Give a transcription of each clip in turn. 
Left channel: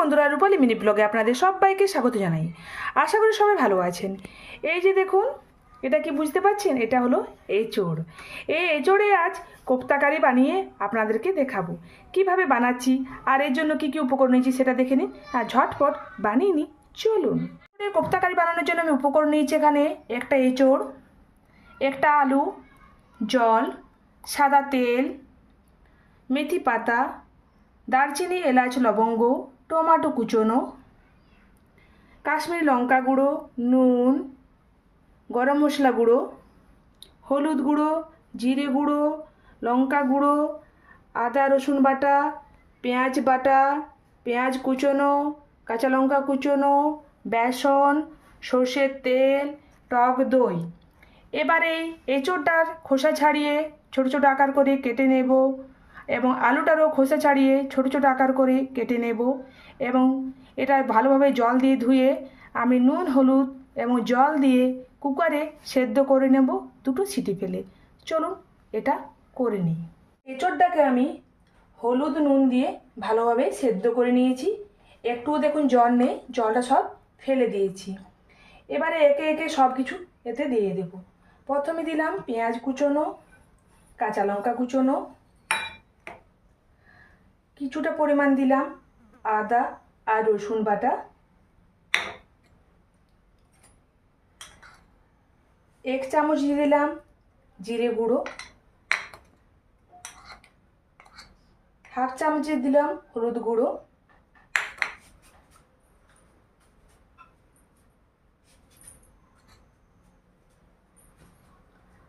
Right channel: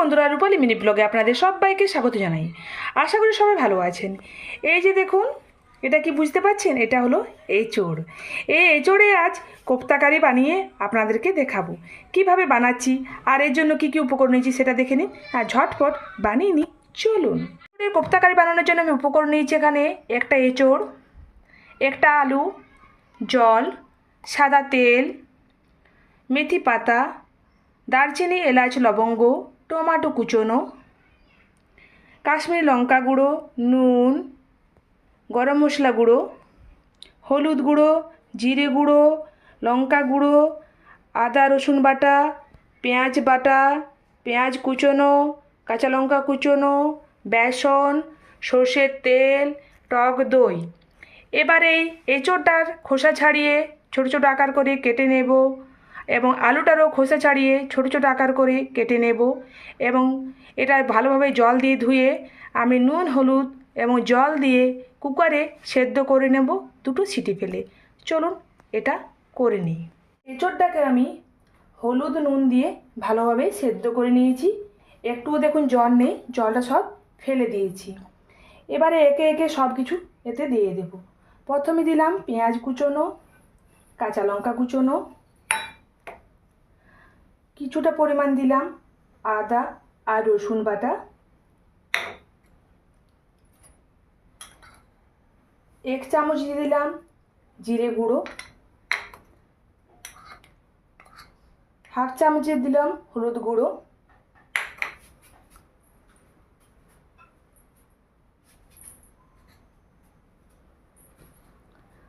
বন্ধুরা, রূপালী মিনি ব্লগে আপনাদের সবাইকে স্বাগত জানাই। আশা করি সবাই ভালো আছেন। এই যে দেখুন, এটা কি বুঝতে পারছেন? এটা হলো এঁচোড়। এই এঁচোড়ে আজ কোপ্তাকারি বানিয়ে আপনাদেরকে দেখাবো কিভাবে বানাচ্ছি, আর এর জন্য কি কি উপকরণ নিয়েছি সেটা দেখে নিন আর ঝটপট বানিয়ে নিই। চলুন। কোপ্তাকারি বানানোর জন্য আমি উপকরণ নিয়েছি এখানে একটা এঁচোড়, একটা আলু, জল, সাদা তেল, মেথি পাতা, দারচিনি, এলাচ, লবঙ্গ, টমেটো কুচোনো, কাশ্মীরি লঙ্কা গুঁড়ো, নুন, গরম মশলা গুঁড়ো, হলুদ গুঁড়ো, জিরে গুঁড়ো, লঙ্কা গুঁড়ো, আদা রসুন বাটা, পেঁয়াজ কুচোনো, কাঁচা লঙ্কা কুচোনো, বেসন, সর্ষের তেল, টক দই। এবারে এঁচোড়টার খোসা ছাড়িয়ে ছোটো ছোটো আকার করে কেটে নেব এবং আলুটারও খোসা ছাড়িয়ে ছোটো ছোটো আকার করে কেটে নেব এবং এটা ভালোভাবে জল দিয়ে ধুয়ে আমি নুন, হলুদ এবং জল দিয়ে কুকারে সেদ্ধ করে নেব দুটো সিটি ফেলে। চলুন এটা করে নিই। এঁচোড়টাকে আমি হলুদ নুন দিয়ে ভালোভাবে সেদ্ধ করে নিয়েছি। একটুও দেখুন জল নেই, জলটা সব ফেলে দিয়েছি। এবারে একে একে সব কিছু এতে দিয়ে দেব। প্রথমে দিলাম পেঁয়াজ কুচোনো, কাঁচা লঙ্কা কুচোনো, কিছুটা পরিমাণ দিলাম আদা আর রসুন বাটা, এক চামচ দিয়ে দিলাম জিরে গুঁড়ো, হাফ চামচ দিয়ে দিলাম হলুদ গুঁড়ো,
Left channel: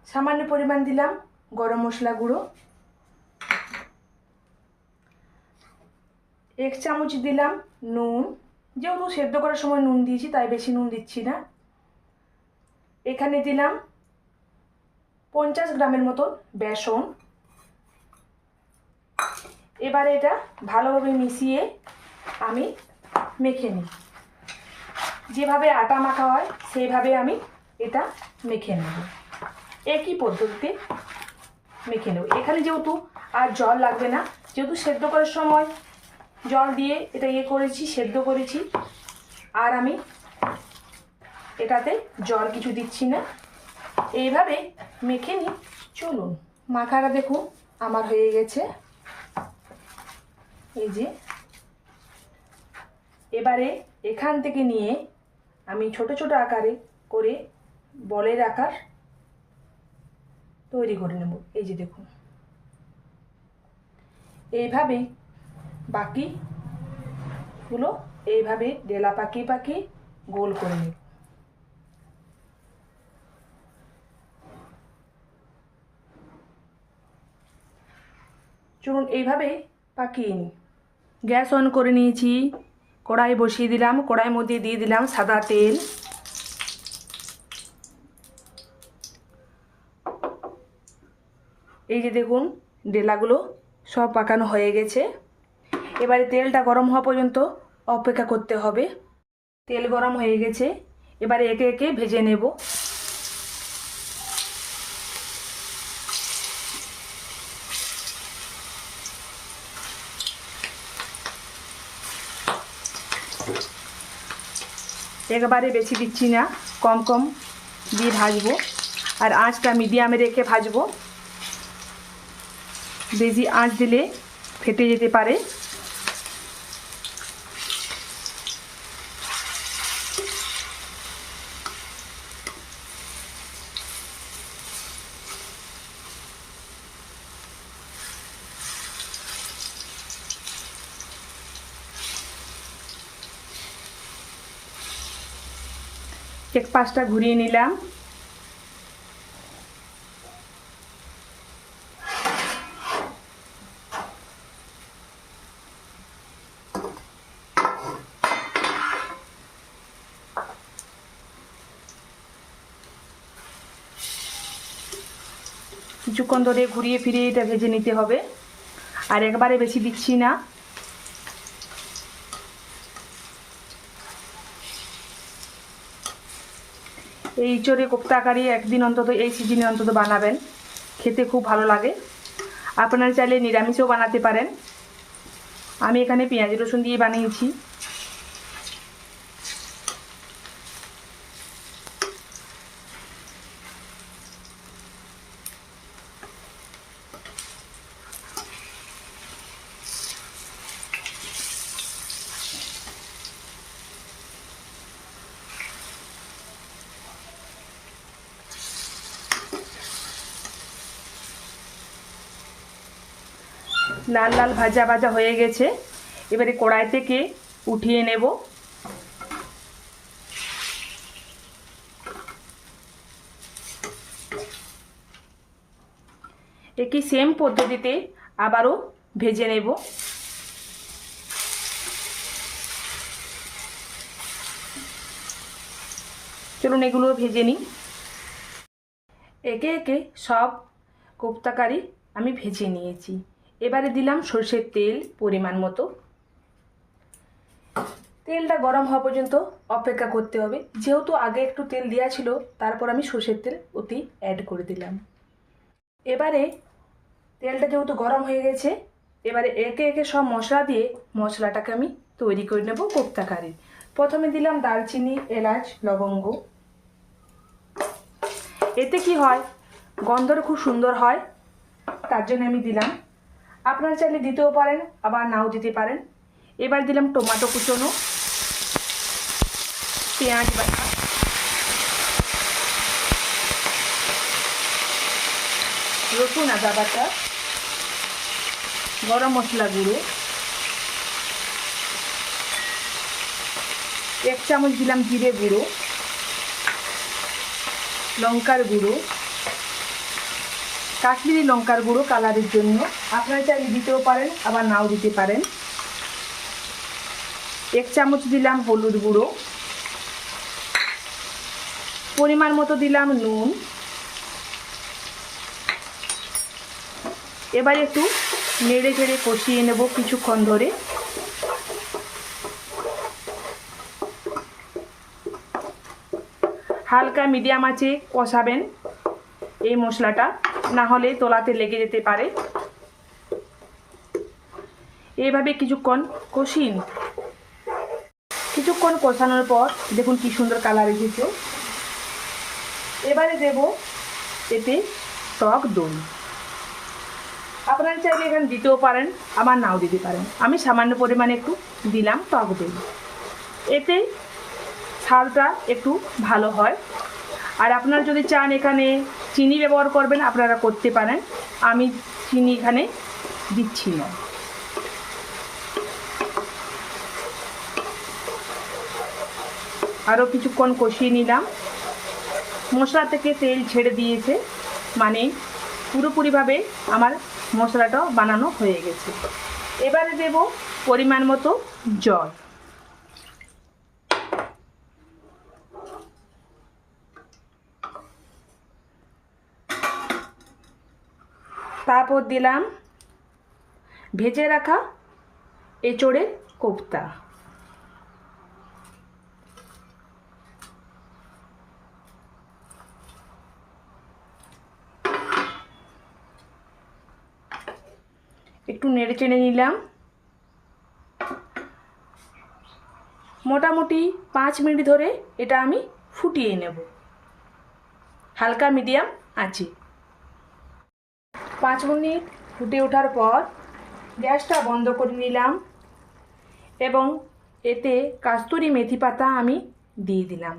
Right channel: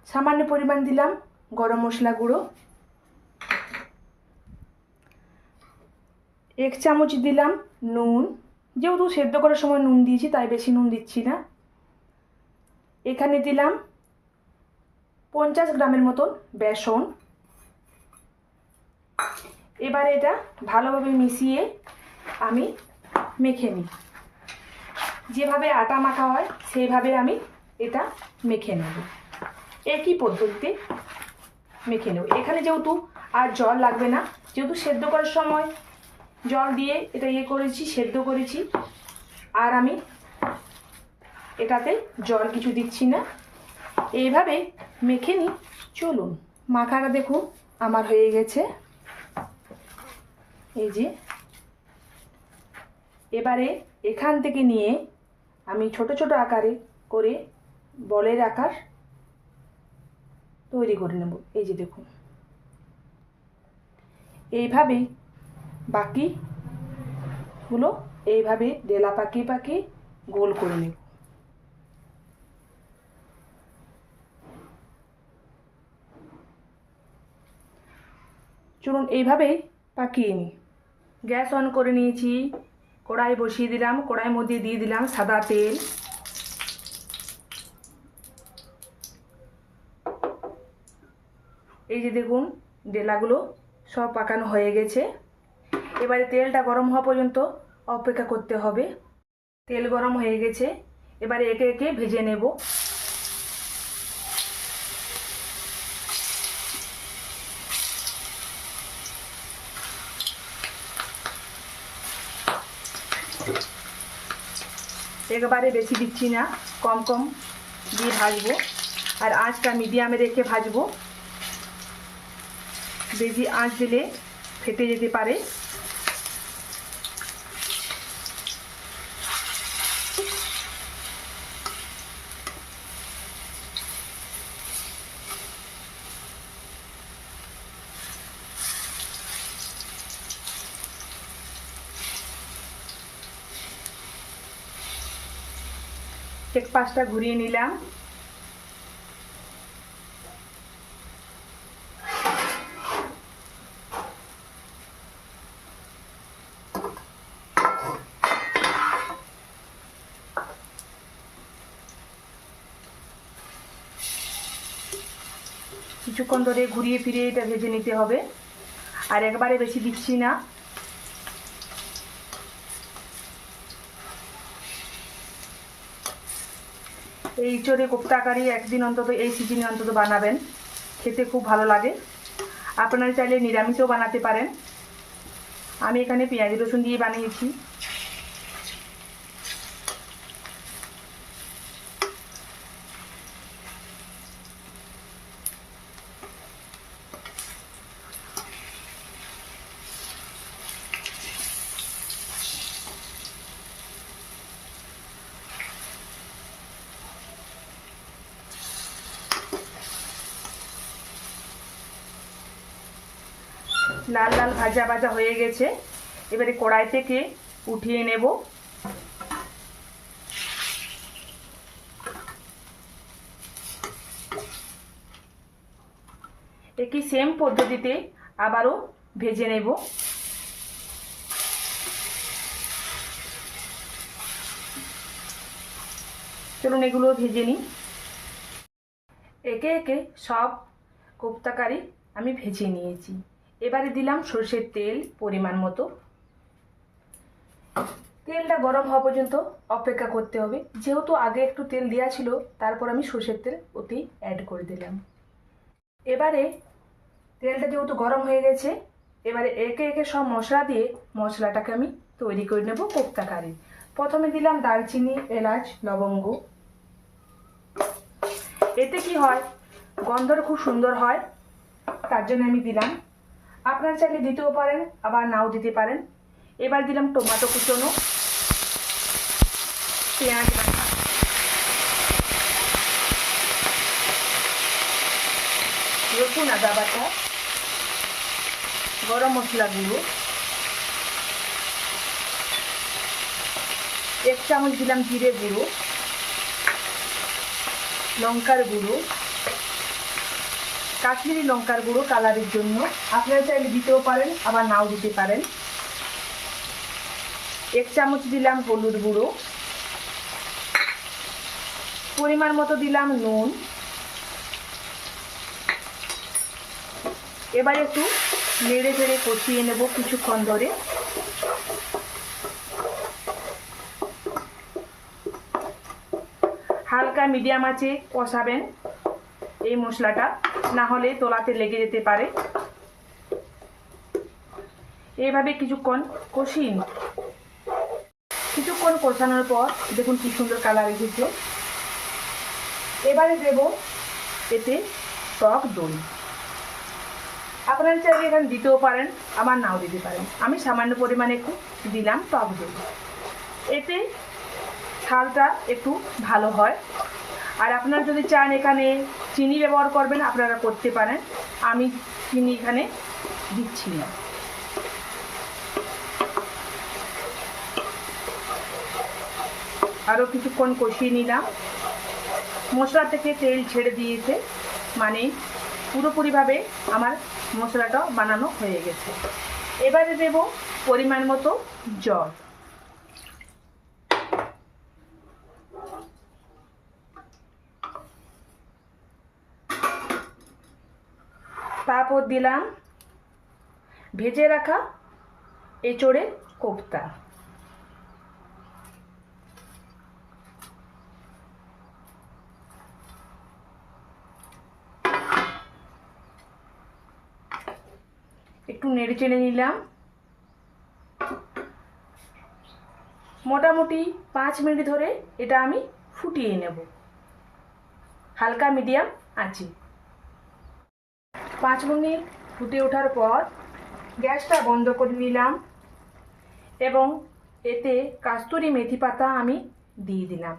সামান্য পরিমাণ দিলাম গরম মশলা গুঁড়ো, এক চামচ দিলাম নুন, যেহেতু সেদ্ধ করার সময় নুন দিয়েছি তাই বেশি নুন দিচ্ছি না। এখানে দিলাম 50 গ্রামের মতন বেসন। এবার এটা ভালোভাবে মিশিয়ে আমি মেখে নিই। যেভাবে আটা মাখা হয় সেইভাবে আমি এটা মেখে নেব। একই পদ্ধতিতে মেখে নেব। এখানে যেহেতু আর জল লাগবে না, যেহেতু সেদ্ধ করার সময় জল দিয়ে এটা সেদ্ধ করেছি, আর আমি এটাতে জল কিছু দিচ্ছি না। এইভাবে মেখে নিই। চলুন, মাখাটা দেখুন আমার হয়ে গেছে। এই যে এবারে এখান থেকে নিয়ে আমি ছোট ছোট আকারে করে বলের আকার তৈরি করে নেব। এই যে দেখুন, এইভাবে বাকিগুলো এইভাবে ডেলা পাকিয়ে পাকিয়ে গোল করে নেব। চলুন এইভাবেই পাকিয়ে নিই। গ্যাস অন করে নিয়েছি, কড়াই বসিয়ে দিলাম। কড়াইয়ের মধ্যে দিয়ে দিলাম সাদা তেল, এই যে দেখুন ডেলাগুলো সব পাকানো হয়ে গেছে। এবারে তেলটা গরম হওয়া পর্যন্ত অপেক্ষা করতে হবে। তেল গরম হয়ে গেছে, এবারে একে একে ভেজে নেব। একবারে বেশি দিচ্ছি না, কম কম দিয়ে ভাজবো, আর আঁচটা মিডিয়ামে রেখে ভাজবো। বেশি আঁচ দিলে ফেটে যেতে পারে। এক পাশটা ঘুরিয়ে নিলাম। কিছুক্ষণ ধরে ঘুরিয়ে ফিরিয়ে এটা ভেজে নিতে হবে, আর একবারে বেশি দিচ্ছি না। এই এঁচোড়ে কোপ্তাকারি একদিন অন্তত এই সিজনে অন্তত বানাবেন, খেতে খুব ভালো লাগে। আপনারা চাইলে নিরামিষও বানাতে পারেন। আমি এখানে পেঁয়াজ রসুন দিয়ে বানিয়েছি। লাল লাল ভাজা ভাজা হয়ে গেছে, এবারে কড়াই থেকে উঠিয়ে নেব। একই সেম পদ্ধতিতে আবারও ভেজে নেব। চলুন এগুলো ভেজে নিই। একে একে সব কোপ্তা কারি আমি ভেজে নিয়েছি। এবারে দিলাম সরষের তেল পরিমাণ মতো। তেলটা গরম হওয়া পর্যন্ত অপেক্ষা করতে হবে। যেহেতু আগে একটু তেল দেওয়া ছিল, তারপর আমি সরষের তেল ওতেই অ্যাড করে দিলাম। এবারে তেলটা যেহেতু গরম হয়ে গেছে, এবারে একে একে সব মশলা দিয়ে মশলাটাকে আমি তৈরি করে নেব কোপ্তা কারি। প্রথমে দিলাম দারচিনি, এলাচ, লবঙ্গ। এতে কি হয়, গন্ধটা খুব সুন্দর হয়, তার জন্য আমি দিলাম। আপনারা চাইলে দিতেও পারেন, আবার নাও দিতে পারেন। এবার দিলাম টমেটো কুচনো, পেঁয়াজ বাটা, রসুন আদা বাটা, গরম মশলা গুঁড়ো, 1 চামচ দিলাম জিরে গুঁড়ো, লঙ্কার গুঁড়ো, কাশ্মীরি লঙ্কার গুঁড়ো কালারের জন্য। আপনারা চাইলে দিতেও পারেন, আবার নাও দিতে পারেন। 1 চামচ দিলাম হলুদ গুঁড়ো, পরিমাণ মতো দিলাম নুন। এবার একটু নেড়ে চেড়ে কষিয়ে নেব কিছুক্ষণ ধরে। হালকা মিডিয়াম আঁচে কষাবেন এই মশলাটা, না হলে তোলাতে লেগে যেতে পারে। এইভাবে কিছুক্ষণ কষিয়ে নিন। কিছুক্ষণ কষানোর পর দেখুন কি সুন্দর কালার এসেছে। এবারে দেব এতে টক দই। আপনারা চাইলে এখানে দিতেও পারেন, আবার নাও দিতে পারেন। আমি সামান্য পরিমাণে একটু দিলাম টক দই। এতে ঝালটা একটু ভালো হয়। আর আপনারা যদি চান এখানে চিনি ব্যবহার করবেন, আপনারা করতে পারেন। আমি চিনি এখানে দিচ্ছি না। আরও কিছুক্ষণ কষিয়ে নিলাম। মশলা থেকে তেল ছেড়ে দিয়েছে, মানে পুরোপুরিভাবে আমার মশলাটা বানানো হয়ে গেছে। এবারে দেব পরিমাণ মতো জল। তারপর দিলাম ভেজে রাখা এঁচোড়ের কোপ্তা। একটু নেড়ে চেড়ে নিলাম। মোটামুটি 5 মিনিট ধরে এটা আমি ফুটিয়ে নেব হালকা মিডিয়াম আঁচে। 5 মিনিট ফুটে ওঠার পর গ্যাসটা বন্ধ করে নিলাম এবং এতে কাস্তুরি মেথি পাতা আমি দিয়ে দিলাম।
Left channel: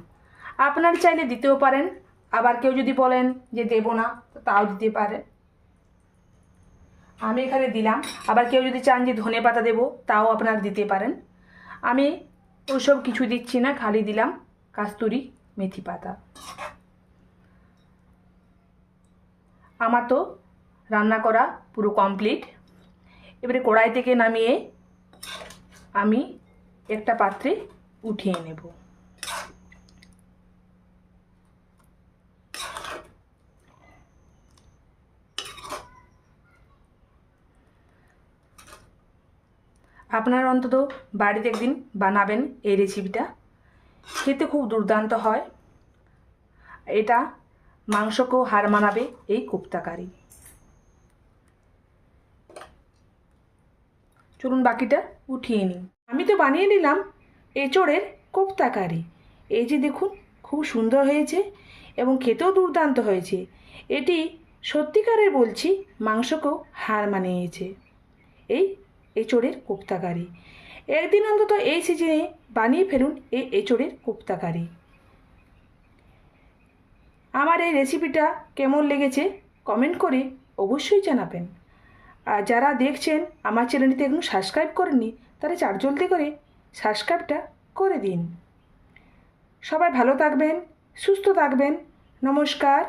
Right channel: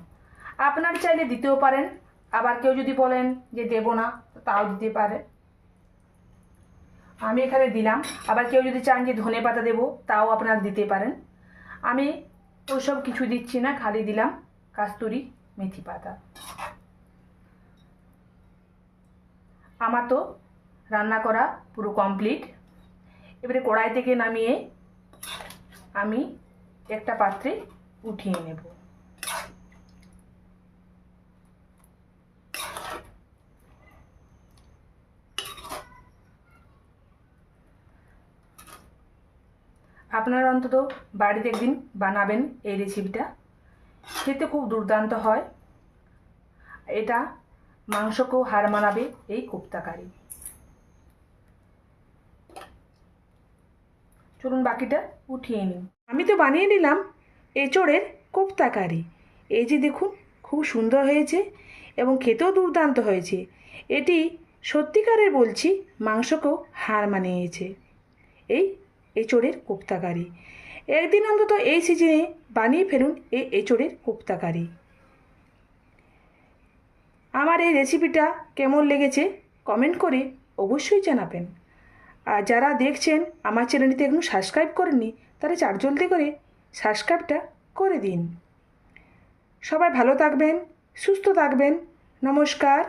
আপনারা চাইলে দিতেও পারেন, আবার কেউ যদি বলেন যে দেব না, তাও দিতে পারে। আমি এখানে দিলাম। আবার কেউ যদি চান যে ধনে পাতা দেবো, তাও আপনারা দিতে পারেন। আমি ওইসব কিছু দিচ্ছি না, খালি দিলাম কাস্তুরি মেথি পাতা। আমার তো রান্না করা পুরো কমপ্লিট। এবারে কড়াই থেকে নামিয়ে আমি একটা পাত্রে উঠিয়ে নেব। আপনারা অন্তত বাড়িতে একদিন বানাবেন এই রেসিপিটা, খেতে খুব দুর্দান্ত হয়। এটা মাংসকেও হার মানাবে এই কোপ্তা কারি। চলুন বাকিটা উঠিয়ে নিই। আমি তো বানিয়ে নিলাম এঁচোড়ের কোপ্তা কারি। এই যে দেখুন, খুব সুন্দর হয়েছে এবং খেতেও দুর্দান্ত হয়েছে। এটি সত্যিকারের বলছি, মাংসকেও হার মানিয়েছে এই এঁচোড়ের কোপ্তা কারি। একদিন অন্তত এই সিজনে বানিয়ে ফেলুন এই এঁচোড়ের কোপ্তা কারি। আমার এই রেসিপিটা কেমন লেগেছে কমেন্ট করে অবশ্যই জানাবেন। আর যারা দেখছেন আমার চ্যানেলটিতে এখনও সাবস্ক্রাইব করেননি, তারা জলদি করে সাবস্ক্রাইবটা করে দিন। সবাই ভালো থাকবেন, সুস্থ থাকবেন। নমস্কার।